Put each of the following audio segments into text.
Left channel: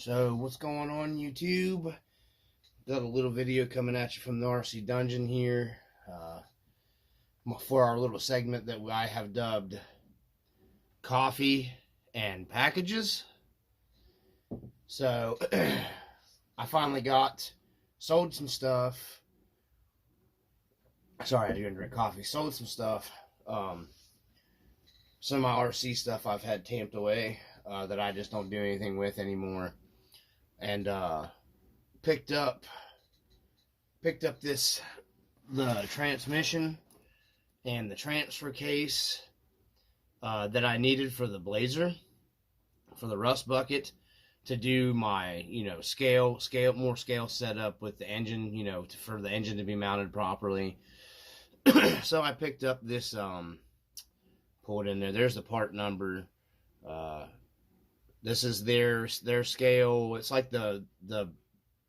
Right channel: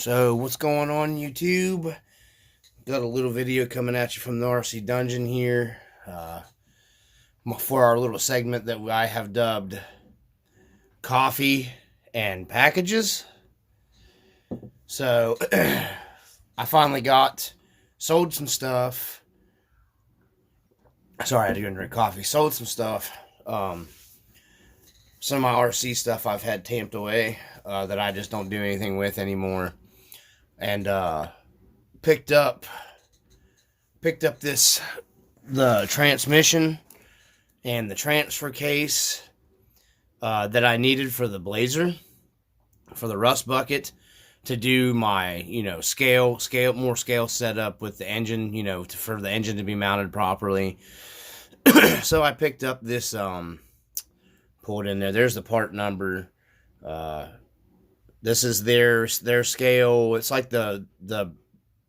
So what's going on, YouTube? Got a little video coming at you from the RC Dungeon here for our little segment that I have dubbed Coffee and Packages. So I finally sold some stuff. Sorry, I had to go and drink coffee. Sold some stuff. Some of my RC stuff I've had tamped away that I just don't do anything with anymore. And picked up the transmission and the transfer case that I needed for the Blazer, for the Rustbucket, to do my more scale setup with the engine, for the engine to be mounted properly. So I picked up this, pulled in there. There's the part number. This is their scale. It's like the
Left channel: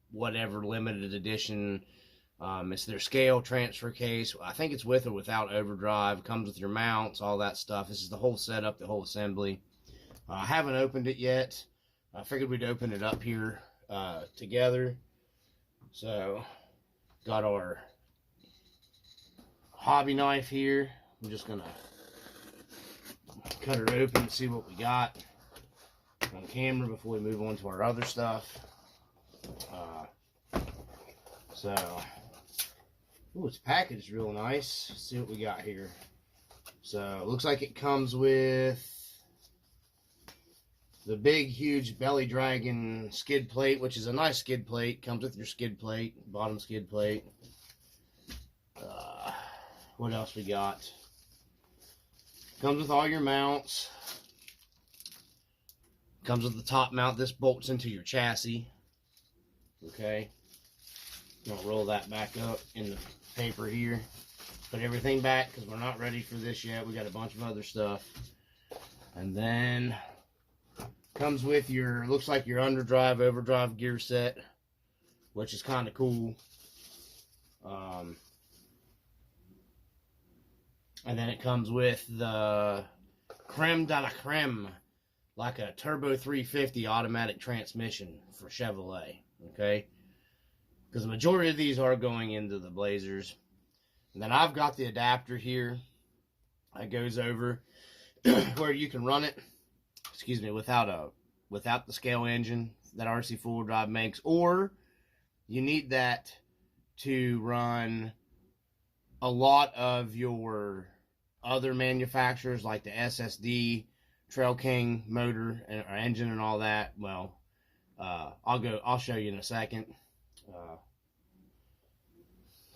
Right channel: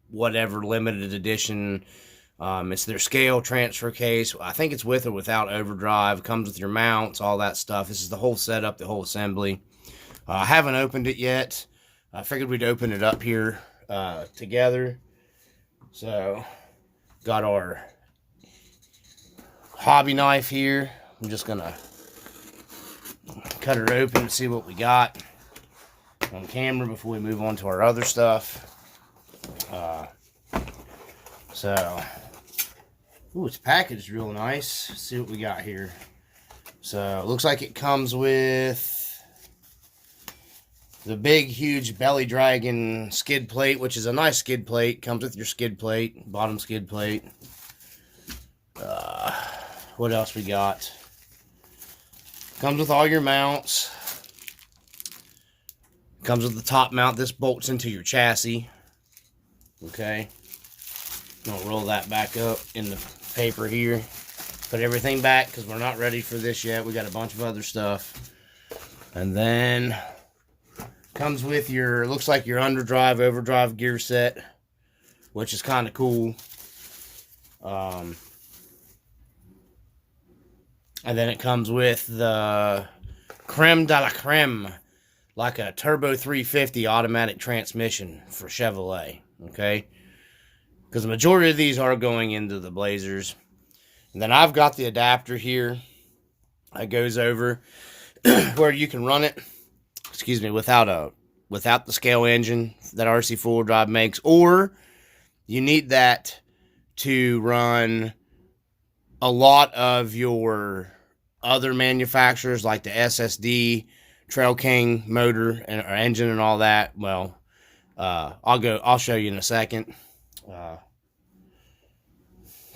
whatever limited edition. It's their scale transfer case. I think it's with or without overdrive. Comes with your mounts, all that stuff. This is the whole setup, the whole assembly. I haven't opened it yet. I figured we'd open it up here together. So, got our hobby knife here. I'm just gonna cut her open and see what we got on camera before we move on to our other stuff. Ooh, it's packaged real nice. Let's see what we got here. So it looks like it comes with the big, huge Belly Dragon skid plate, which is a nice skid plate. Comes with your skid plate, bottom skid plate. What else we got? Comes with all your mounts. Comes with the top mount. This bolts into your chassis. Okay. I'm going to roll that back up in the paper here. Put everything back because we're not ready for this yet. We got a bunch of other stuff. And then comes with your, looks like your underdrive, overdrive gear set, which is kind of cool. And then it comes with the creme de la creme, like a turbo 350 automatic transmission for Chevrolet, okay? Because the majority of these are going into the Blazers. And then I've got the adapter here that goes over where you can run it, without the scale engine that Rc4wd Drive makes, or you need that to run a lot of your other manufacturers like the SSD, Trail King motor and or engine and all that. Well, I'll show you in a second.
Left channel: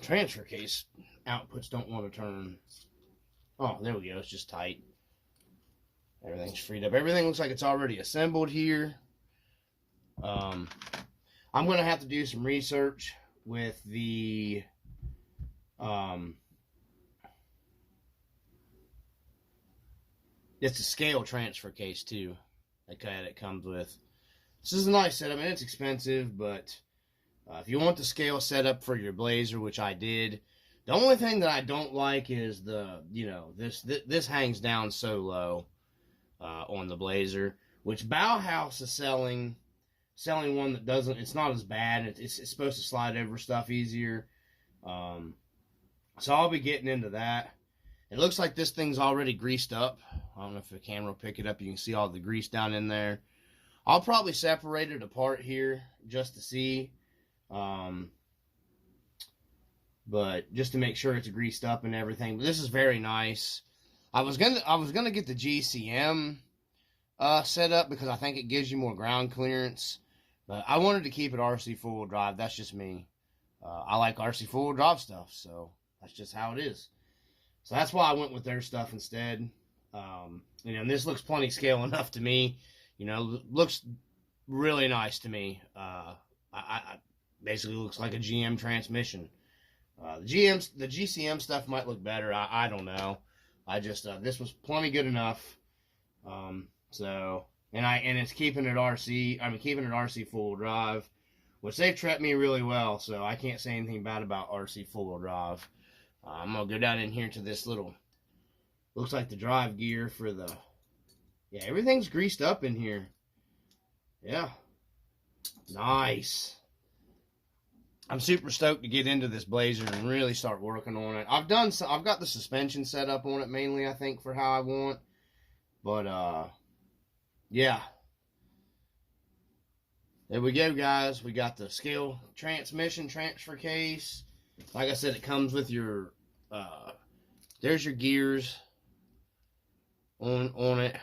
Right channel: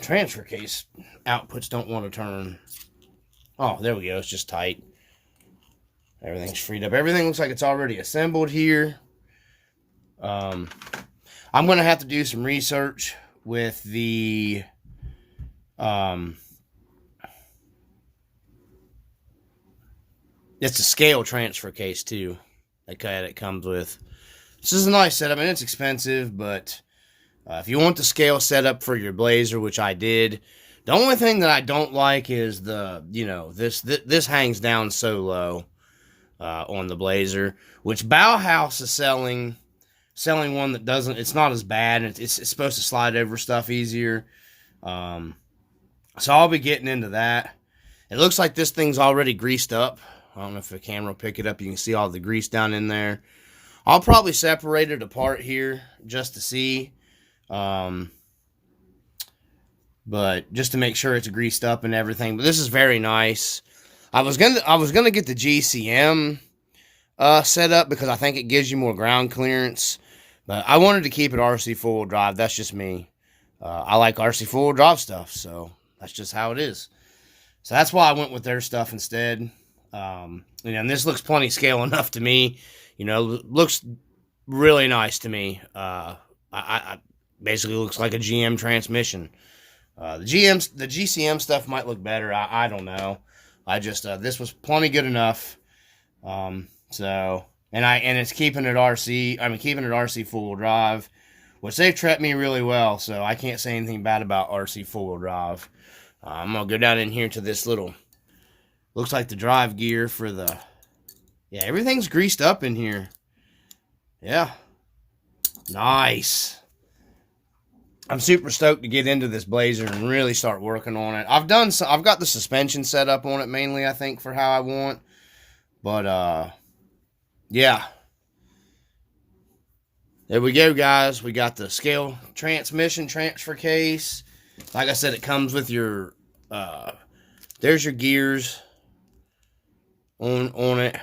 Transfer case outputs don't want to turn. Oh, there we go. It's just tight. Everything's freed up. Everything looks like it's already assembled here. I'm going to have to do some research with the it's a scale transfer case too. Okay, that comes with. This is a nice setup. I mean, it's expensive, but if you want the scale setup for your Blazer, which I did, the only thing that I don't like is this hangs down so low on the Blazer, which Bauhaus is selling one that doesn't. It's not as bad. It's supposed to slide over stuff easier. So I'll be getting into that. It looks like this thing's already greased up. I don't know if the camera will pick it up. You can see all the grease down in there. I'll probably separate it apart here just to see. But just to make sure it's greased up and everything. But this is very nice. I was gonna get the GCM set up because I think it gives you more ground clearance. But I wanted to keep it Rc4wd Drive. That's just me. I like Rc4wd Drive stuff, so that's just how it is. So that's why I went with their stuff instead. And this looks plenty scale enough to me. Looks really nice to me. I basically looks like a GM transmission. The GCM stuff might look better. I don't know. I just this was plenty good enough. And it's keeping it Rc4wd Drive, which they've treated me really well. So I can't say anything bad about Rc4wd Drive. I'm gonna go down in here to this little. Looks like the drive gear for the. Yeah, everything's greased up in here. Yeah. Nice. I'm super stoked to get into this Blazer and really start working on it. I've got the suspension set up on it mainly, I think, for how I want. But yeah. There we go, guys. We got the scale transmission transfer case. Like I said, it comes with your there's your gears on it.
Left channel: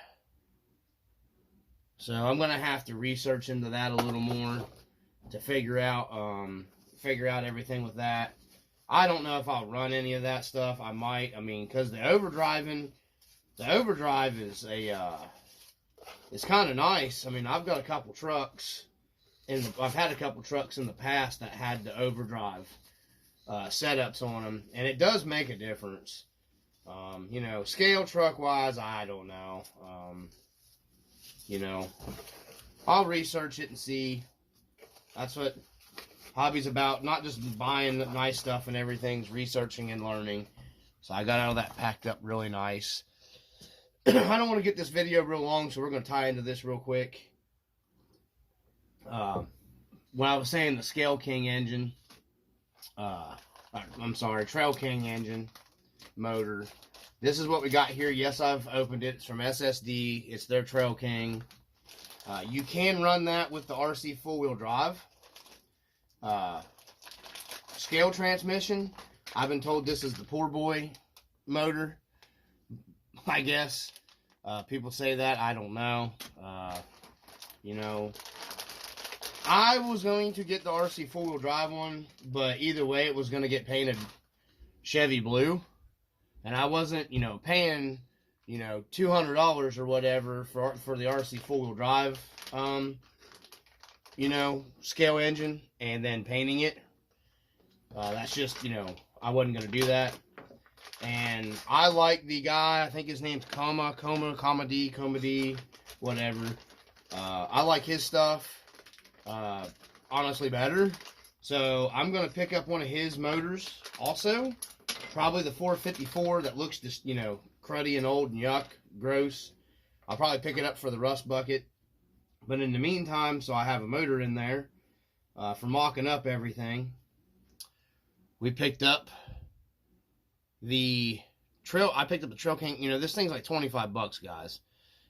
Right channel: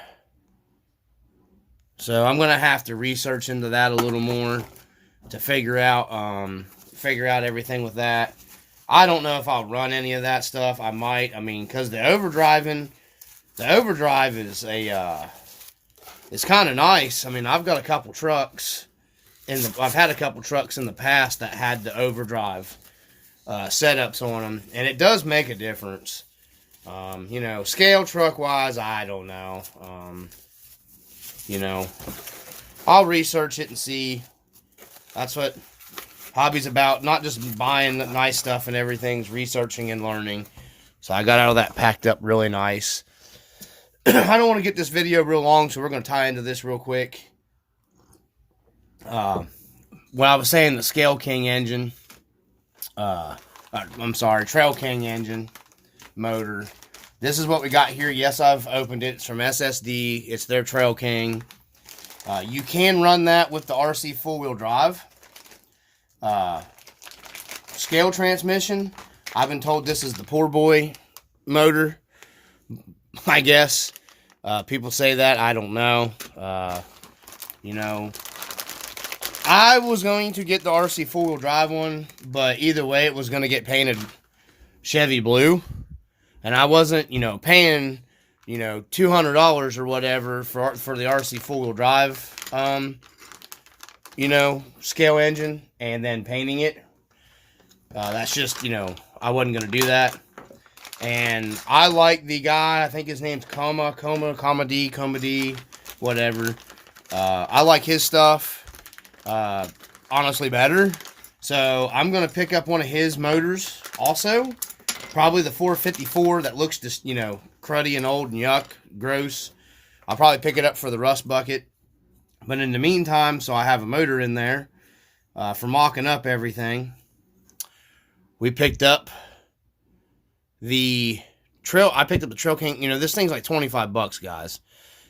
So I'm gonna have to research into that a little more to figure out everything with that. I don't know if I'll run any of that stuff. I might. I mean, because the overdrive is it's kind of nice. I mean, I've got a couple trucks I've had a couple trucks in the past that had the overdrive setups on them, and it does make a difference. You know, scale truck wise, I don't know. You know, I'll research it and see. That's what hobby's about, not just buying nice stuff and everything's researching and learning. So I got out of that packed up really nice. I don't want to get this video real long, so we're going to tie into this real quick. When I was saying the Scale King engine, I'm sorry, Trail King engine motor. This is what we got here. Yes, I've opened it. It's from SSD. It's their Trail King. You can run that with the Rc4wd Drive. Scale transmission. I've been told this is the poor boy motor, I guess. People say that. I don't know. You know, I was going to get the Rc4wd Drive one, but either way, it was going to get painted Chevy blue. And I wasn't, you know, paying, you know, $200 or whatever for the Rc4wd Drive, you know, scale engine and then painting it. That's just, you know, I wasn't going to do that. And I like the guy, I think his name's Comma D, whatever. I like his stuff, honestly better. So I'm going to pick up one of his motors also. Probably the 454 that looks just, you know, cruddy and old and yuck, gross. I'll probably pick it up for the Rustbucket. But in the meantime, so I have a motor in there for mocking up everything. We picked up the I picked up the Trail King. You know, this thing's like 25 bucks, guys.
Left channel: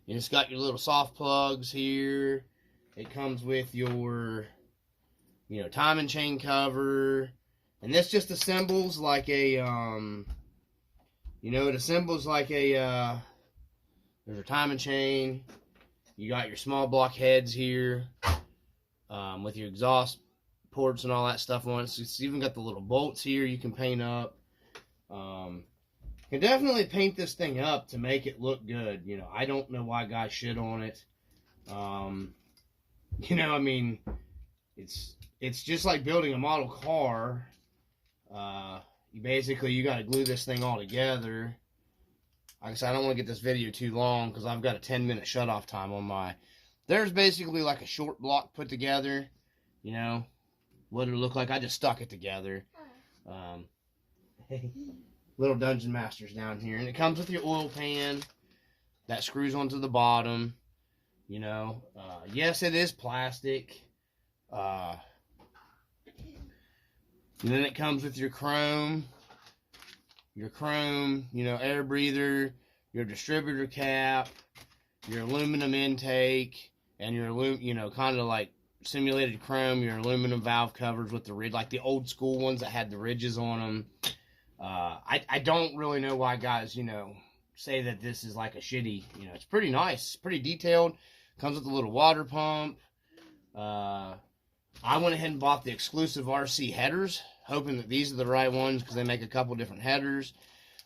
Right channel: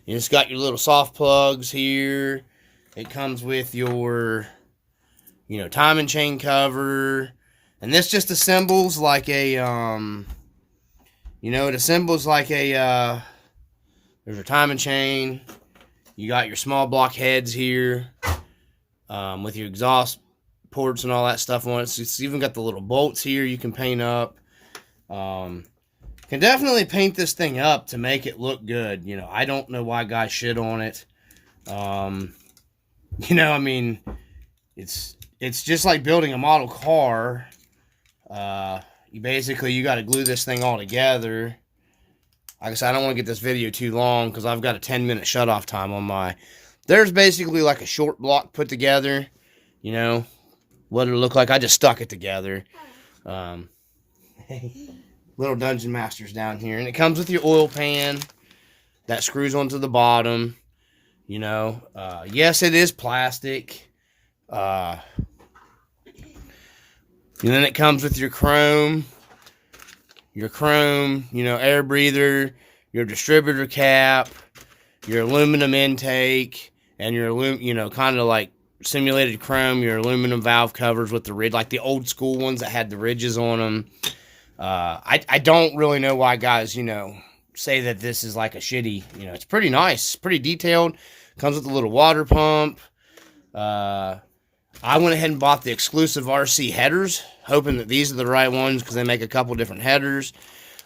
It's got your little soft plugs here. It comes with your, you know, timing chain cover. And this just assembles like a, you know, it assembles like a, there's a timing chain. You got your small block heads here with your exhaust ports and all that stuff on it. So it's even got the little bolts here you can paint up. Can definitely paint this thing up to make it look good. You know, I don't know why guys shit on it. You know, I mean, it's just like building a model car. You got to glue this thing all together. Like I said, I don't want to get this video too long because I've got a 10-minute shutoff time on my. There's basically like a short block put together. You know what it'll look like. I just stuck it together. Little Dungeon Masters down here, and it comes with your oil pan that screws onto the bottom. You know, yes, it is plastic. And then it comes with your chrome, you know, air breather, your distributor cap, your aluminum intake, and your, you know, kind of like simulated chrome, your aluminum valve covers with the ridge, like the old school ones that had the ridges on them. I don't really know why guys, you know, say that this is like a shitty, you know, it's pretty nice, pretty detailed. Comes with a little water pump. I went ahead and bought the exclusive RC headers, hoping that these are the right ones because they make a couple different headers.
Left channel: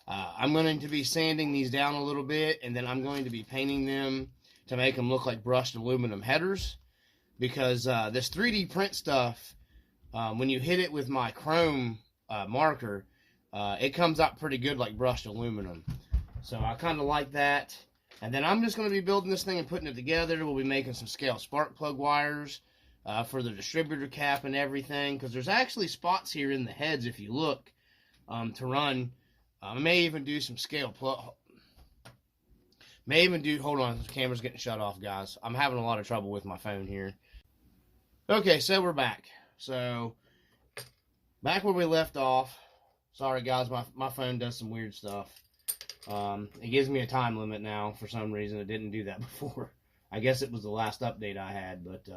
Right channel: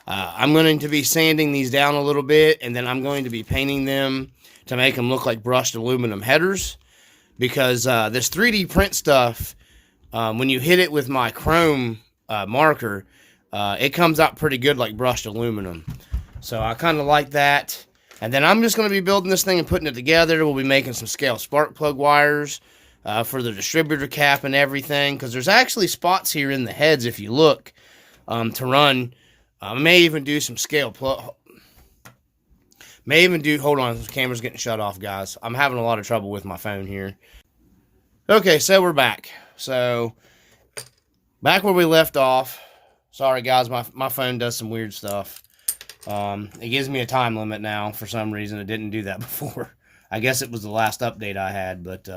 I'm going to be sanding these down a little bit, and then I'm going to be painting them to make them look like brushed aluminum headers because this 3D print stuff, when you hit it with my chrome marker, it comes out pretty good like brushed aluminum. So I kind of like that. And then I'm just going to be building this thing and putting it together. We'll be making some scale spark plug wires for the distributor cap and everything. Because there's actually spots here in the heads, if you look, to run. I may even do some scale plug. Hold on, the camera's getting shut off, guys. I'm having a lot of trouble with my phone here. Okay, so we're back. So back where we left off. Sorry guys, my phone does some weird stuff. It gives me a time limit now for some reason. It didn't do that before. I guess it was the last update I had, but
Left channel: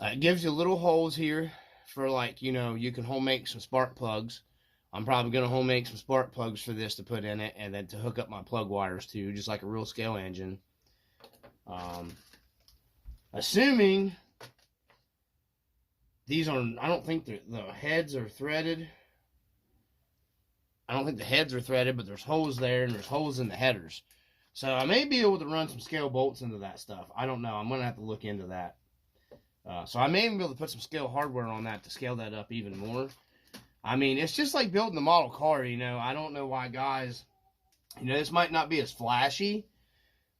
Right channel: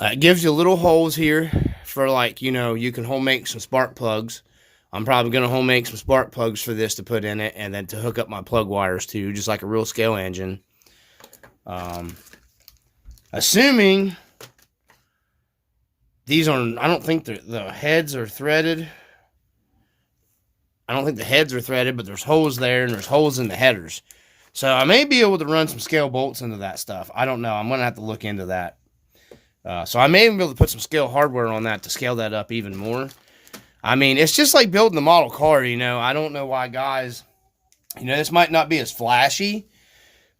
it gives you little holes here for, like, you can home make some spark plugs. I'm probably going to home make some spark plugs for this to put in it, and then to hook up my plug wires to, just like a real scale engine. Assuming these are, I don't think the heads are threaded. I don't think the heads are threaded, but there's holes there, and there's holes in the headers. So I may be able to run some scale bolts into that stuff. I don't know. I'm going to have to look into that. So I may even be able to put some scale hardware on that to scale that up even more. I mean, it's just like building the model car, I don't know why guys, this might not be as flashy.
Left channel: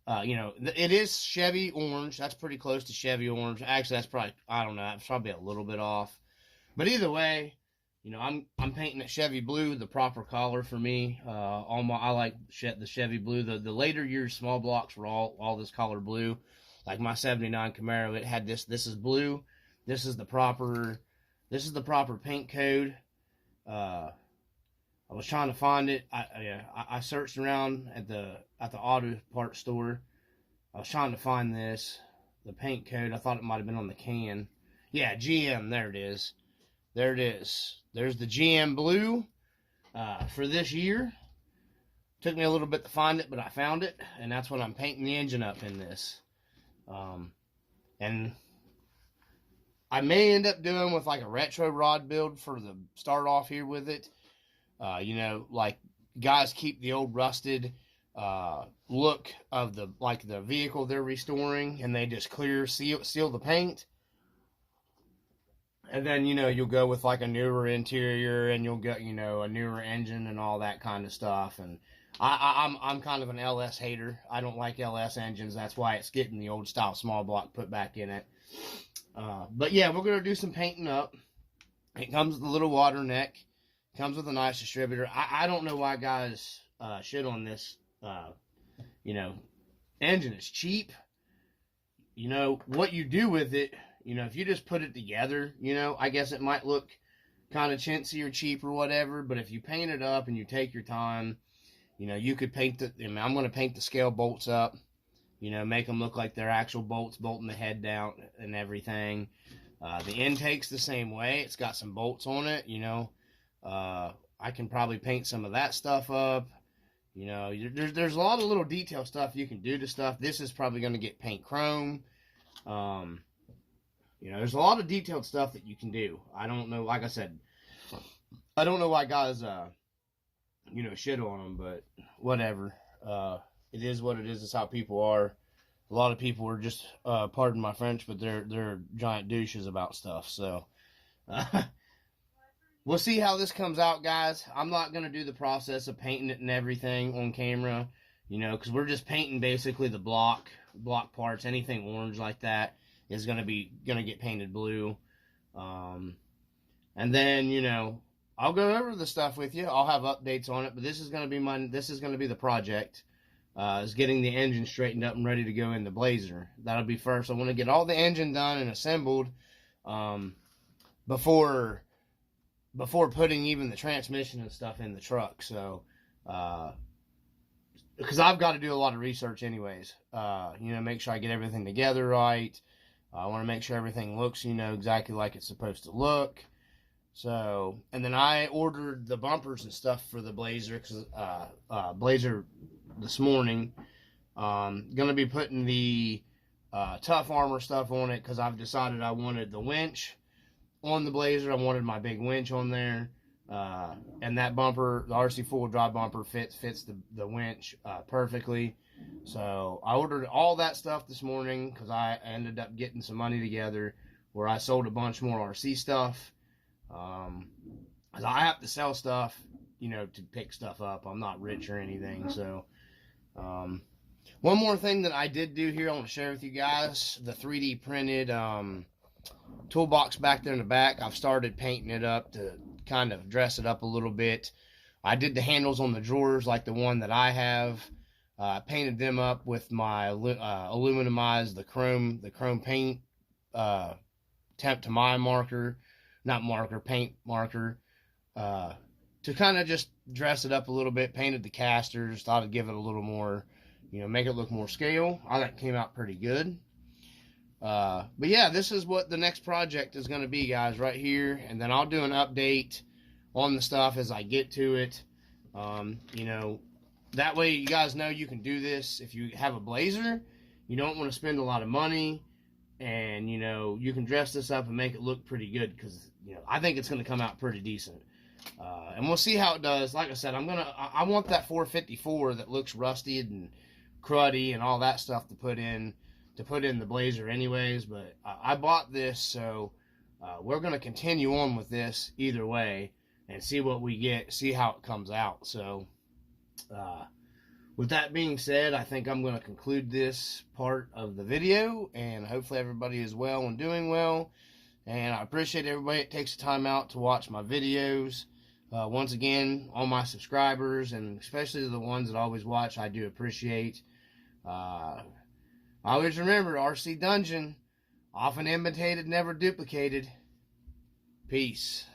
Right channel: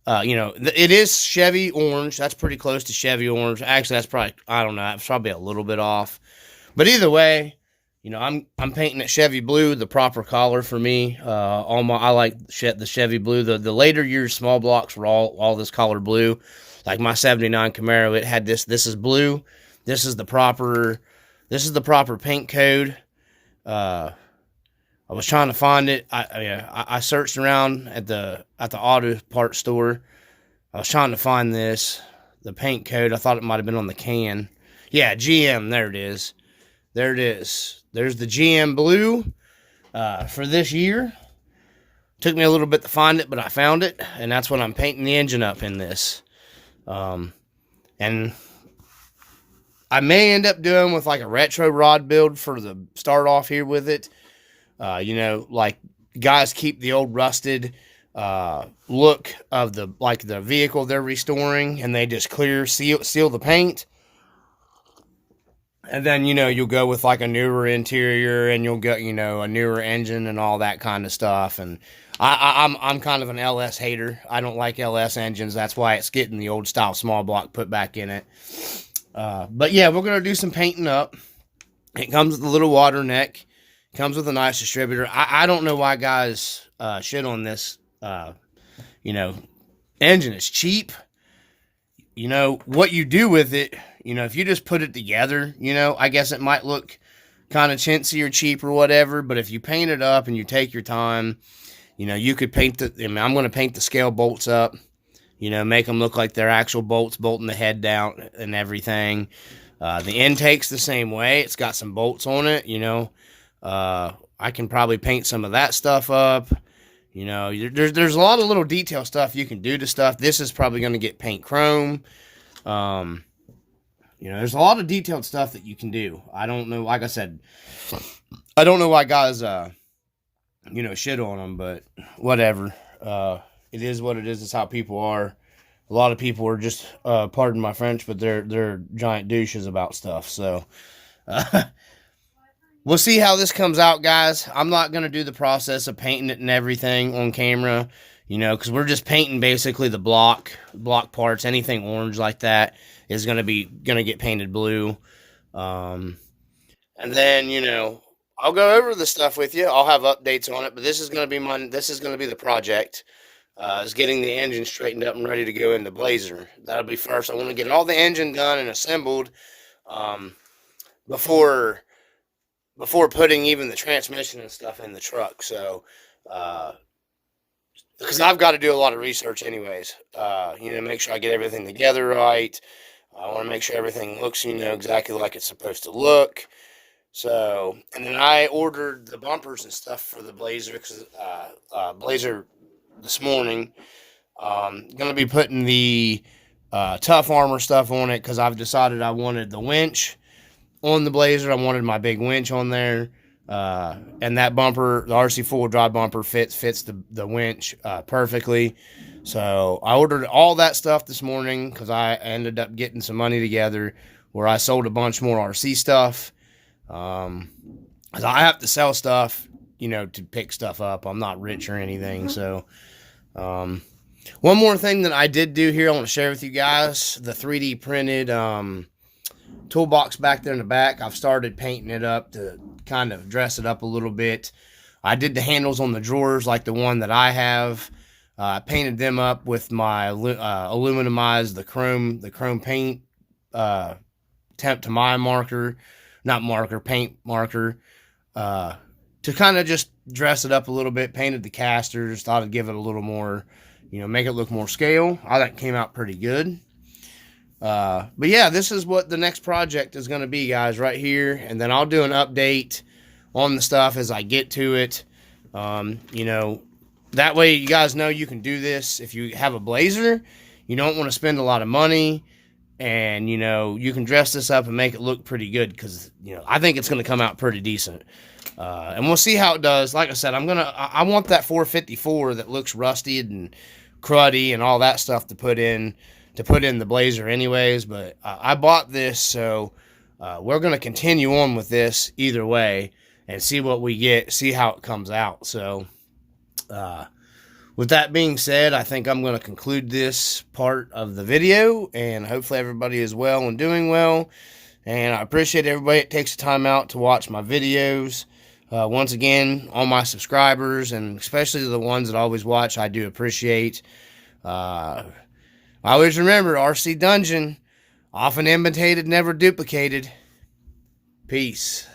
It is Chevy orange. That's pretty close to Chevy orange. Actually, that's probably, I don't know, that's probably a little bit off. But either way, I'm painting it Chevy blue, the proper color for me. I like the Chevy blue. The later years small blocks were all this color blue. Like my 79 Camaro, it had this. This is blue. This is the proper paint code. I was trying to find it. I searched around at the auto parts store. I was trying to find the paint code. I thought it might have been on the can. Yeah, GM. There it is. There it is. There's the GM blue for this year. Took me a little bit to find it, but I found it, and that's what I'm painting the engine up in this. And I may end up doing with like a retro rod build for the start off here with it. Like guys keep the old rusted look of the vehicle they're restoring, and they just seal the paint. And then, you'll go with like a newer interior, and you'll get, a newer engine and all that kind of stuff. And I'm kind of an LS hater. I don't like LS engines. That's why it's getting the old style small block put back in it. But yeah, we're going to do some painting up. It comes with a little water neck. It comes with a nice distributor. I don't know why guys shit on this, engine. It's cheap. What you do with it, if you just put it together, I guess it might look kind of chintzy or cheap or whatever. But if you paint it up and you take your time, you could paint I'm going to paint the scale bolts up, make them look like they're actual bolts, bolting the head down and everything. The intake's the same way. It's got some bolts on it, I can probably paint some of that stuff up. There's a lot of little detail stuff you can do to stuff. This is probably going to get paint chrome. There's a lot of detailed stuff that you can do. I don't know, like I said, I don't know why guys, shit on them, but whatever. It is what it is. It's how people are. A lot of people are just, pardon my French, but they're giant douches about stuff. So, we'll see how this comes out, guys. I'm not going to do the process of painting it and everything on camera, because we're just painting basically the block parts. Anything orange like that is going to get painted blue. And then, I'll go over the stuff with you. I'll have updates on it, but this is going to be the project. Is getting the engine straightened up and ready to go in the Blazer. That'll be first. I want to get all the engine done and assembled, before putting even the transmission and stuff in the truck. So, because I've got to do a lot of research anyways, make sure I get everything together right. I want to make sure everything looks, exactly like it's supposed to look. So, and then I ordered the bumpers and stuff for the Blazer, because Blazer this morning. Gonna be putting the tough armor stuff on it, because I've decided I wanted the winch on the Blazer. I wanted my big winch on there, and that bumper, the Rc4wd bumper, fits the winch perfectly. So I ordered all that stuff this morning, because I ended up getting some money together where I sold a bunch more RC stuff. Because I have to sell stuff, to pick stuff up. I'm not rich or anything. So, one more thing that I did do here, I want to share with you guys, the 3D printed, toolbox back there in the back. I've started painting it up to kind of dress it up a little bit. I did the handles on the drawers like the one that I have. Painted them up with my aluminumized, the chrome paint temp to my marker, not marker, paint marker, to kind of just dress it up a little bit. Painted the casters, thought I'd give it a little more, make it look more scale. I thought it came out pretty good. But yeah, this is what the next project is going to be, guys, right here. And then I'll do an update on the stuff as I get to it. That way you guys know you can do this. If you have a Blazer, you don't want to spend a lot of money, and you can dress this up and make it look pretty good, because I think it's going to come out pretty decent. And we'll see how it does. Like I said, I want that 454 that looks rusty and cruddy and all that stuff to put in the Blazer anyways. But I bought this, so we're going to continue on with this either way and see what we get, see how it comes out. So with that being said, I think I'm going to conclude this part of the video, and hopefully everybody is well and doing well. And I appreciate everybody that takes the time out to watch my videos. Once again, all my subscribers, and especially the ones that always watch, I do appreciate. I always remember, RC Dungeon, often imitated, never duplicated. Peace.